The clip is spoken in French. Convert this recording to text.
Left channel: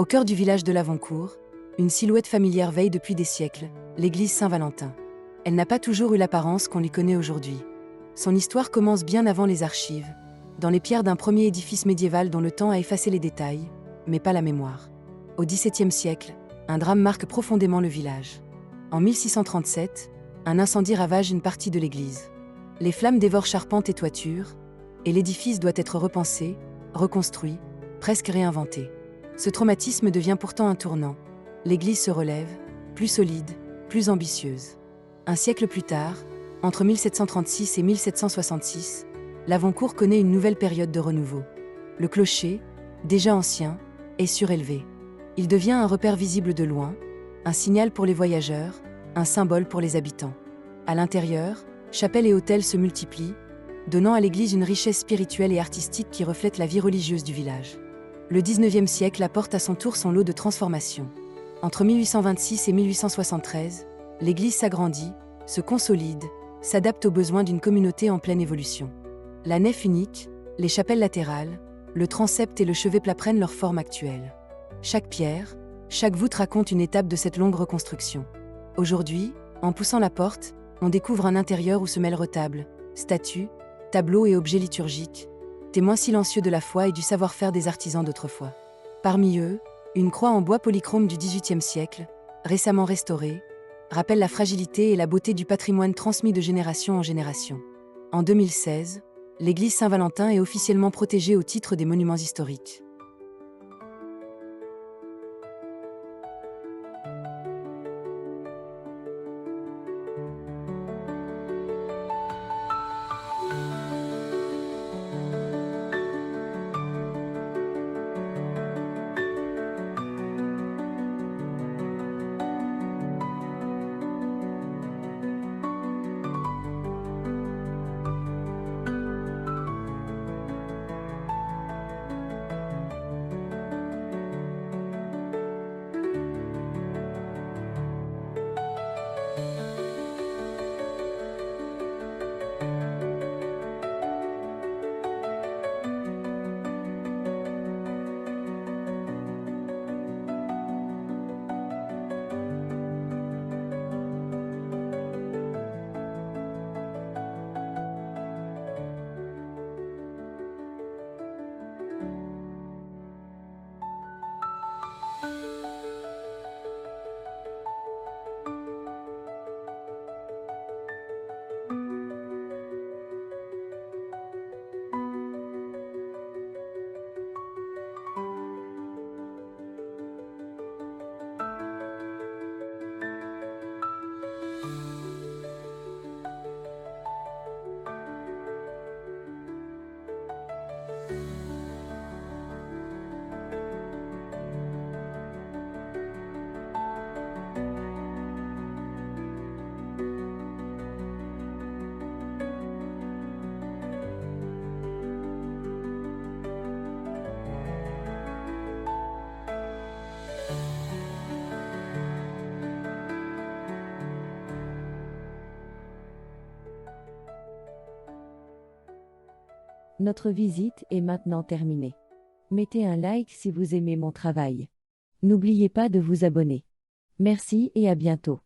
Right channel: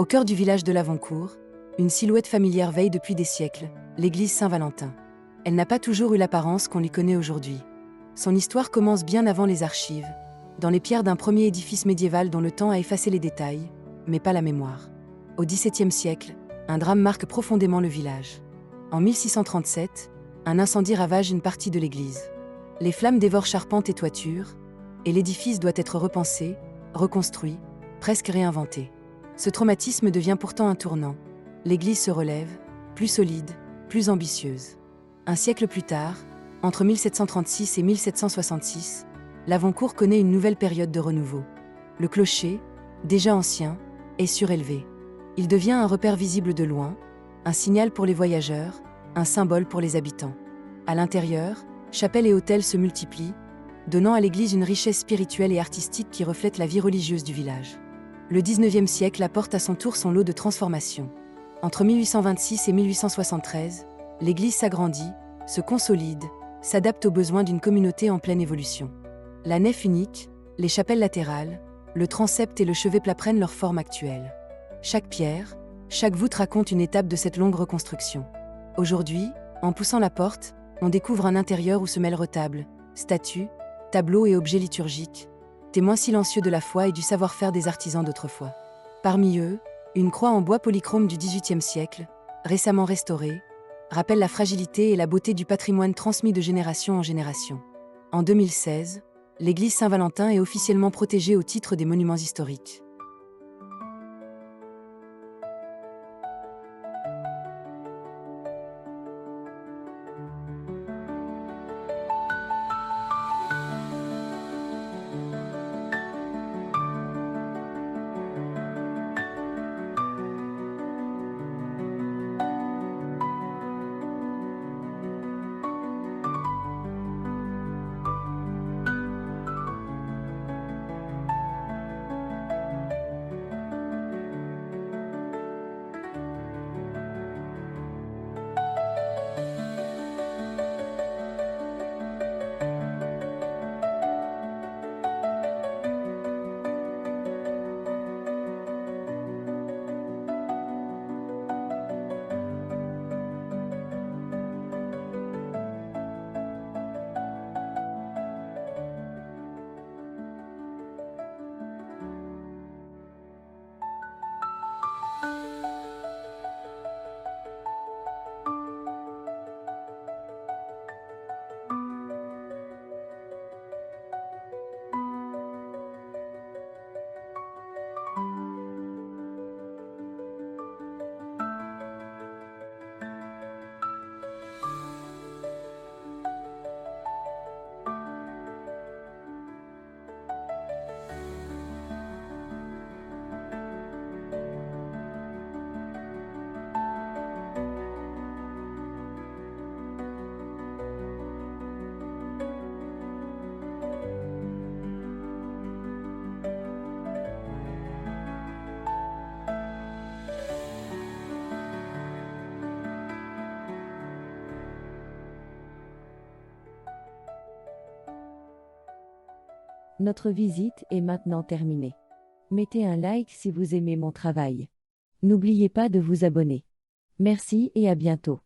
Au cœur du village de Lavoncourt, une silhouette familière veille depuis des siècles, l'église Saint-Valentin. Elle n'a pas toujours eu l'apparence qu'on lui connaît aujourd'hui. Son histoire commence bien avant les archives, dans les pierres d'un premier édifice médiéval dont le temps a effacé les détails, mais pas la mémoire. Au XVIIe siècle, un drame marque profondément le village. En 1637, un incendie ravage une partie de l'église. Les flammes dévorent charpente et toiture, et l'édifice doit être repensé, reconstruit, presque réinventé. Ce traumatisme devient pourtant un tournant. L'église se relève, plus solide, plus ambitieuse. Un siècle plus tard, entre 1736 et 1766, Lavoncourt connaît une nouvelle période de renouveau. Le clocher, déjà ancien, est surélevé. Il devient un repère visible de loin, un signal pour les voyageurs, un symbole pour les habitants. À l'intérieur, chapelles et autels se multiplient, donnant à l'église une richesse spirituelle et artistique qui reflète la vie religieuse du village. Le XIXe siècle apporte à son tour son lot de transformations. Entre 1826 et 1873, l'église s'agrandit, se consolide, s'adapte aux besoins d'une communauté en pleine évolution. La nef unique, les chapelles latérales, le transept et le chevet plat prennent leur forme actuelle. Chaque pierre, chaque voûte raconte une étape de cette longue reconstruction. Aujourd'hui, en poussant la porte, on découvre un intérieur où se mêlent retables, statues, tableaux et objets liturgiques, témoins silencieux de la foi et du savoir-faire des artisans d'autrefois. Parmi eux, une croix en bois polychrome du XVIIIe siècle, récemment restaurée, rappelle la fragilité et la beauté du patrimoine transmis de génération en génération. En 2016, l'église Saint-Valentin est officiellement protégée au titre des monuments historiques. Notre visite est maintenant terminée. Mettez un like si vous aimez mon travail. N'oubliez pas de vous abonner. Merci et à bientôt.